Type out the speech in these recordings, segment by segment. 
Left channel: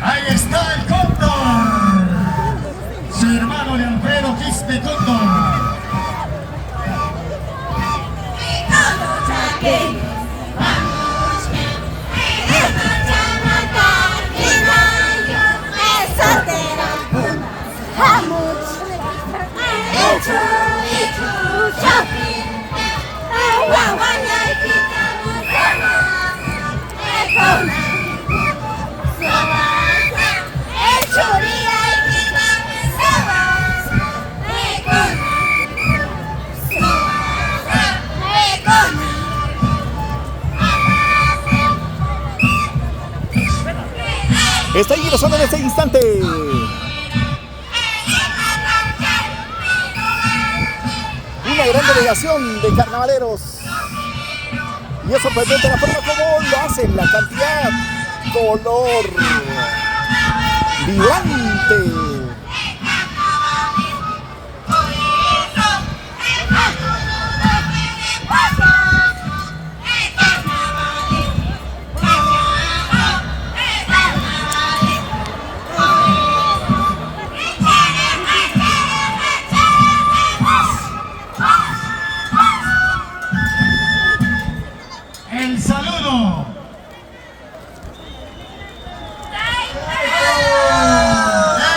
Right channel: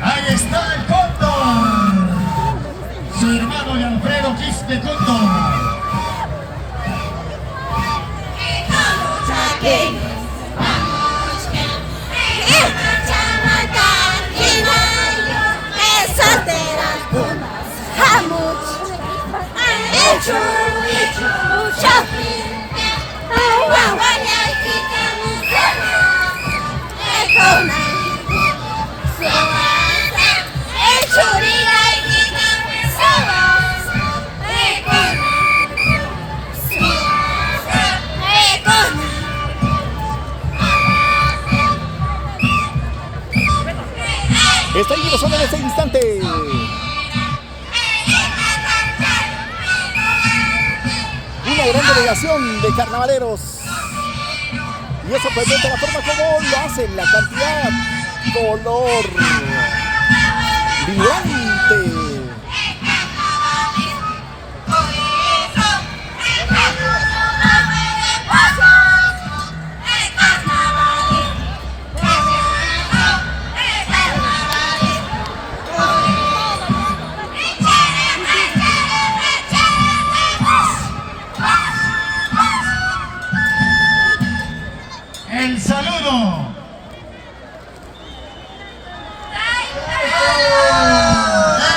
Ahí está el Cóndor, su hermano de Alfredo Quispe Cóndor. Está ingresando en este instante. Una gran delegación de carnavaleros. Y es sorprendente la forma como lo hacen, la cantidad, color vibrante. El saludo.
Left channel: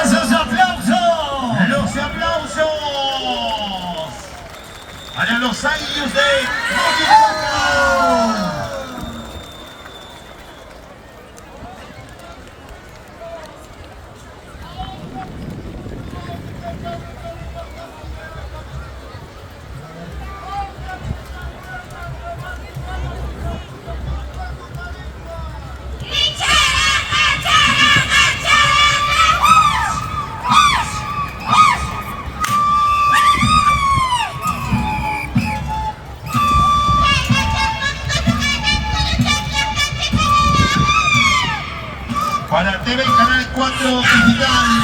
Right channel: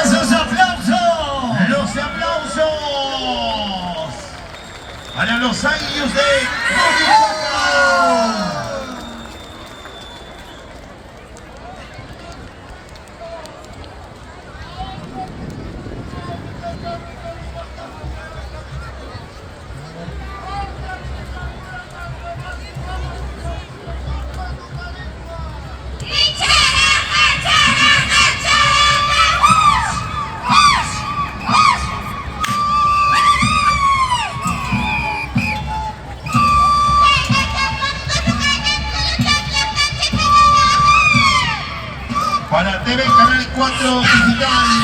Esos aplausos. Los aplausos para los años de Coquimbo. Para TV Canal 4 Digital.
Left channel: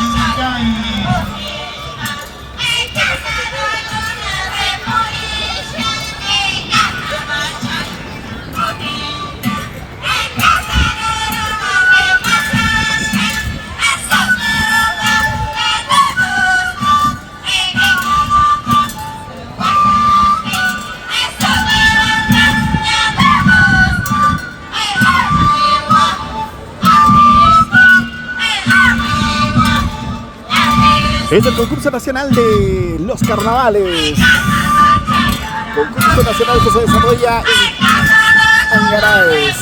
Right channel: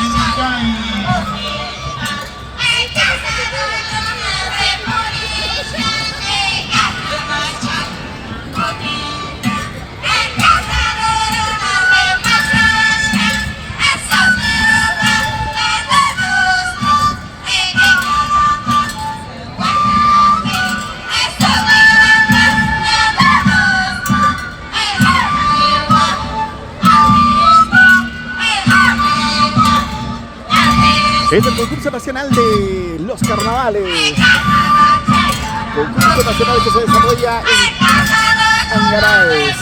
Es el concurso nacional de los carnavales. Concurso nacional que se desarrolla en Angaraes,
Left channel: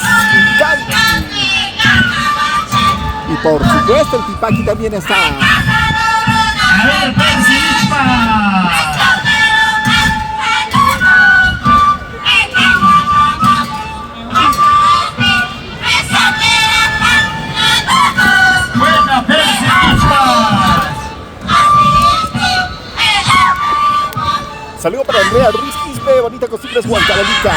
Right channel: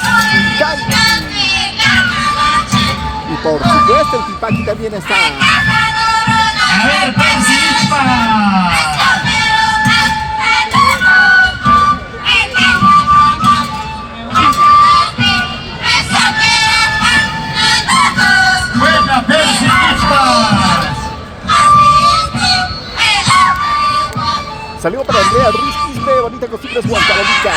y por supuesto el Tipaqui también está. A ver, Persilispa. Buena Persilispa. Saludo para Andrea Ruiz Quispe, Bonita Costumbres, Huancavelica.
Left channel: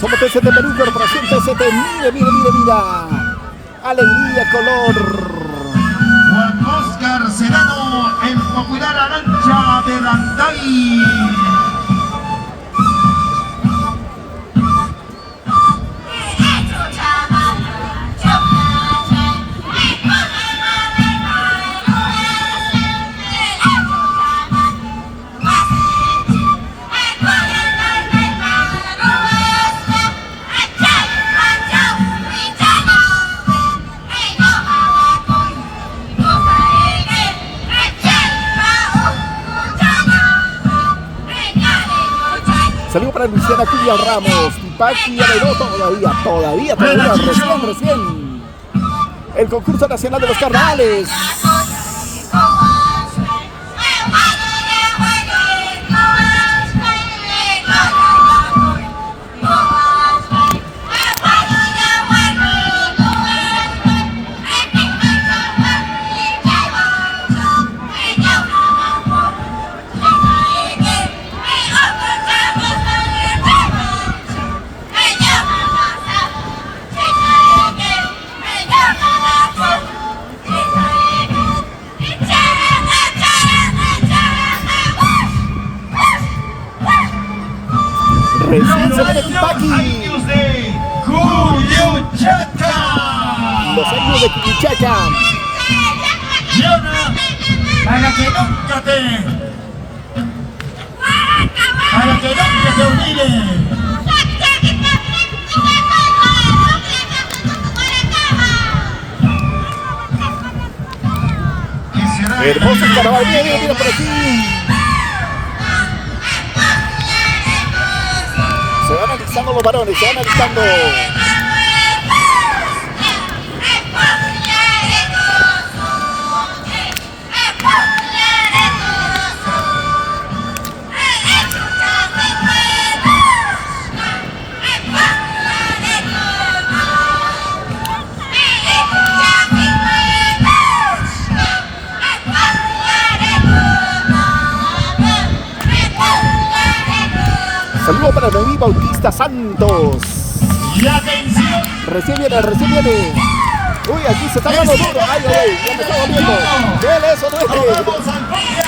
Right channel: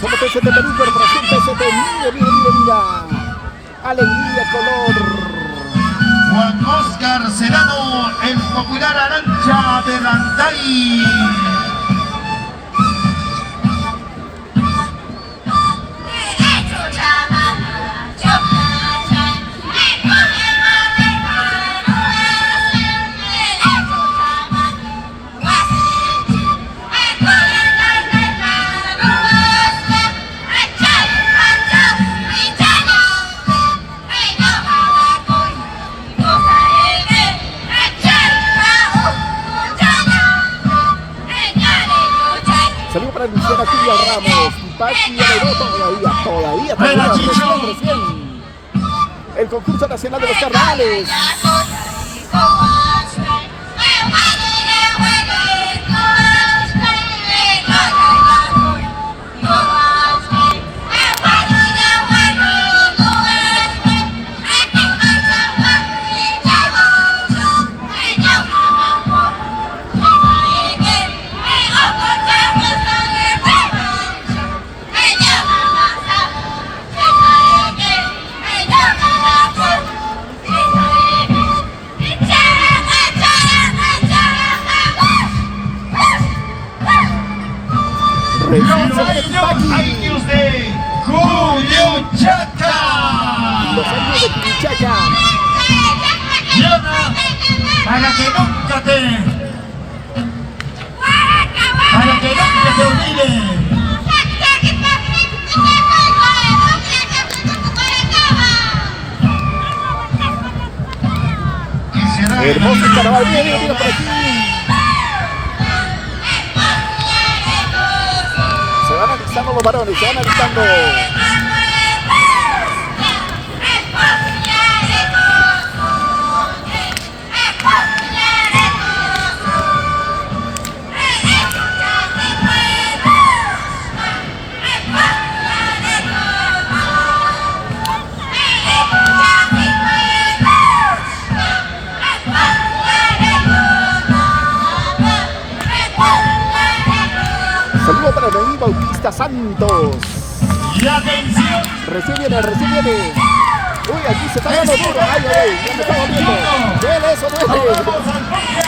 Somos TCT Perú, Corporación TCT. Mira. Alegría, color. Juan Oscar Serrano, el popular Arancha de Rantay. Saludo para Luciana Cuya Ramos, Tipaqui, todavía, recién. El concurso nacional de los carnavales. Recién se Los viene Tipaqui. años de Cuyuchaca. Los años de Cuyichaca. Diana, para que nunca te olvides. Hermoso carnaval, mira por aquí. Se van alistando los varones, se van alistando. Saludo para Noemí Bautista Santos. Y atención. Recién viene. Uy, aquí se está dando duro. Ay, ya me está doliendo. Duele eso, duele. Vamos al Premio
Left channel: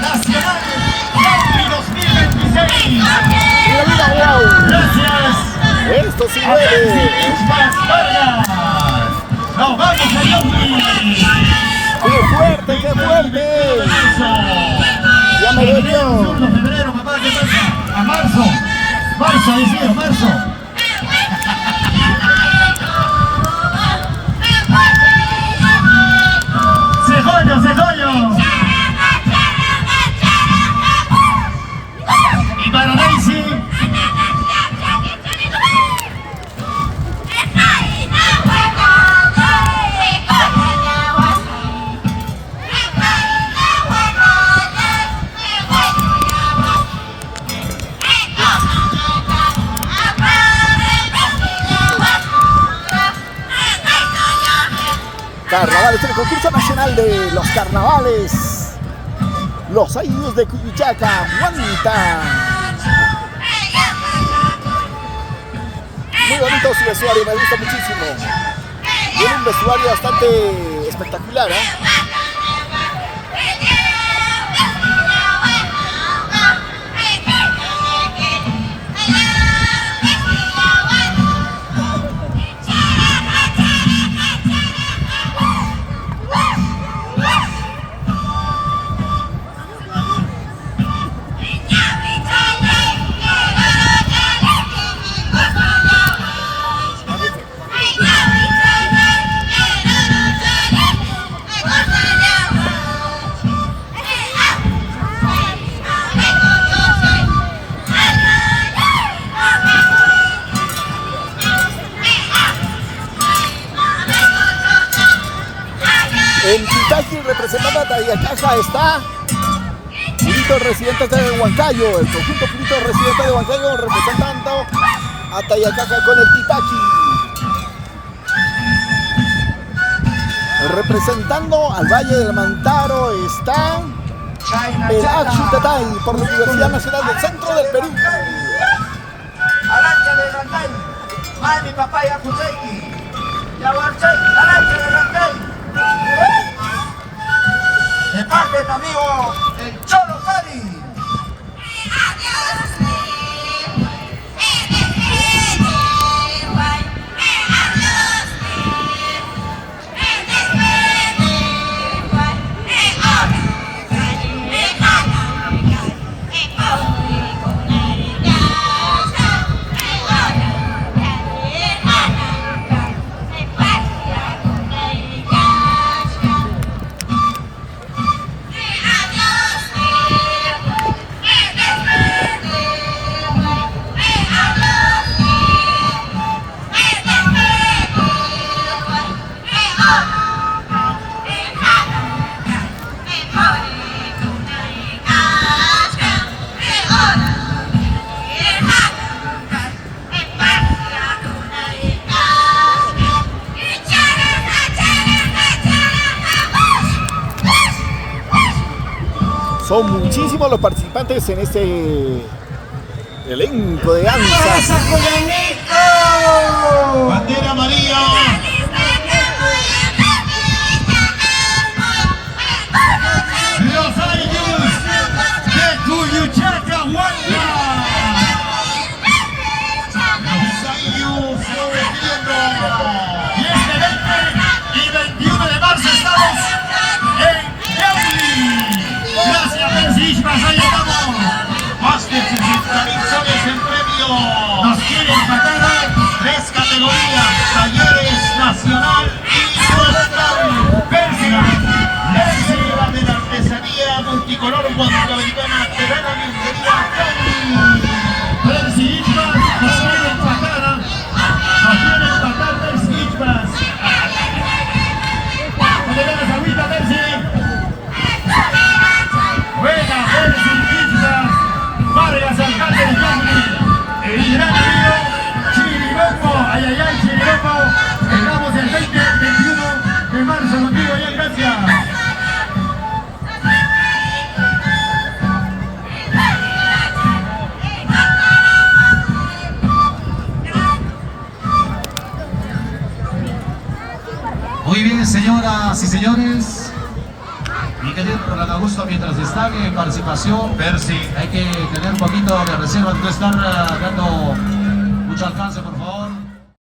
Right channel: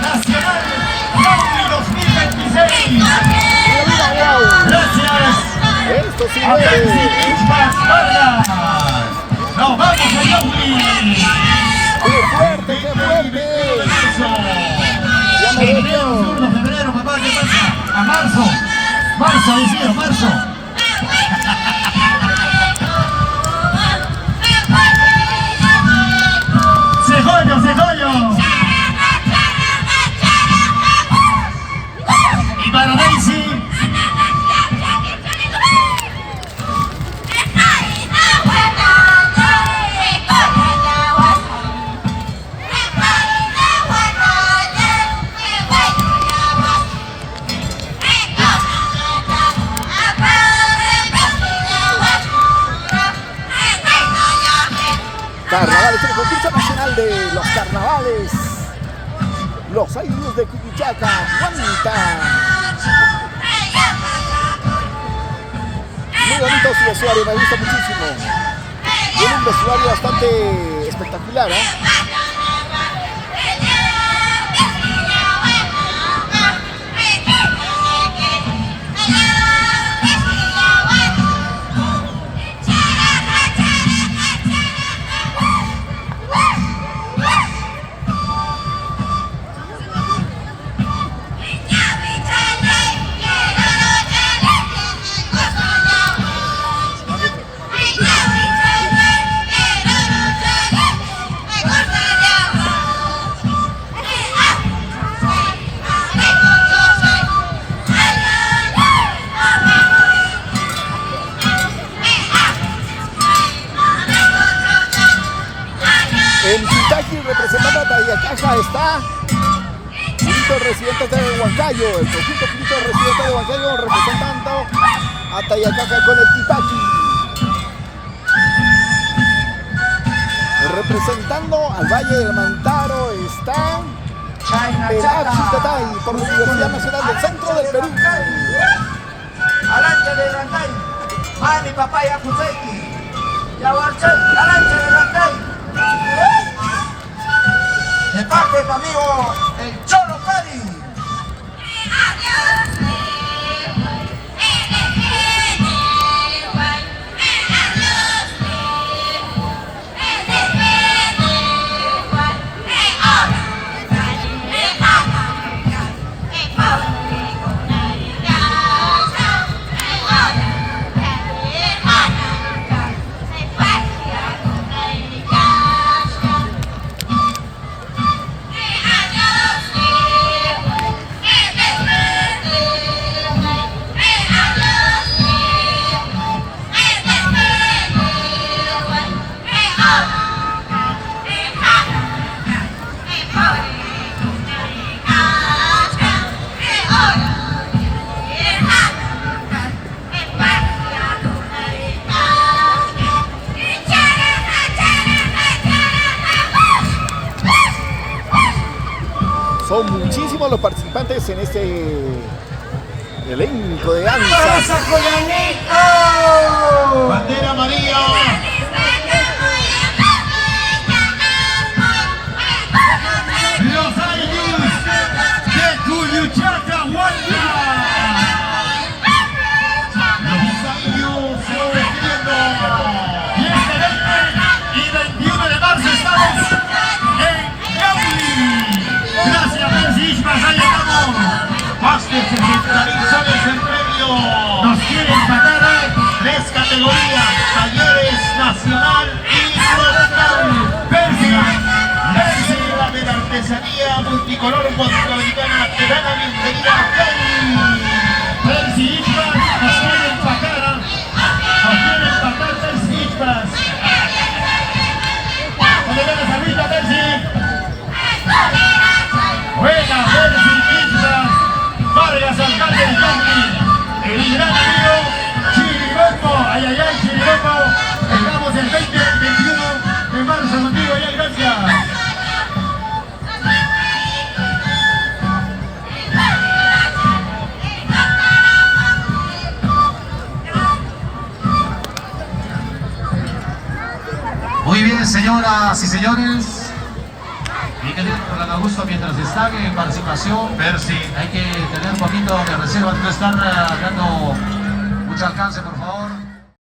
Nacional Rally 2026. Mira, wow. Gracias. Esto sí A duele. Percy Ispas Vargas. Nos vamos a Yonkis. ¡Qué fuerte, qué fuerte! Ya me dolió. Febrero, papá, ¿qué pasa? A marzo. Marzo, decía, marzo. Cejollo. Y para Daisy. Carnavales, el concurso nacional de los carnavales. Los años de Cuyichaca, Guanta. Muy bonito su vestuario, me gusta muchísimo. Tiene un vestuario bastante espectacular, ¿eh? En Tipaqui, representando a Tayacaja, está Purito Residentes de Huancayo, el conjunto Purito Residentes de Huancayo representando a Tayacaja con el Tipaqui. Representando al Valle del Mantaro está el Axutatay por la Universidad Nacional del Centro del Perú. Alancha de Rancay, Mani Papaya Cuseki, Yahuanchel, Alancha de Rancay. De parte de tu amigo, el Cholo Pari. Son muchísimos los participantes en este elenco de danzas. Bandera amarilla. Los años de Cuyuchaca, Huanca. Campos de la Ventana te da la bienvenida con Percy Ispas, así empatada, Percy Ispas. ¿Dónde ven esa vista, Percy? Buena, Percy Ispas, Vargas, alcalde de Cambly, el gran amigo Chiriboco, ay, Chiriboco, estamos el 20-21 de marzo contigo, ya, gracias. Muy bien, señoras y señores, y que Dios por la gusto mientras destaque en participación. Percy. Hay que tener un poquito de reserva, no estar dando mucho alcance.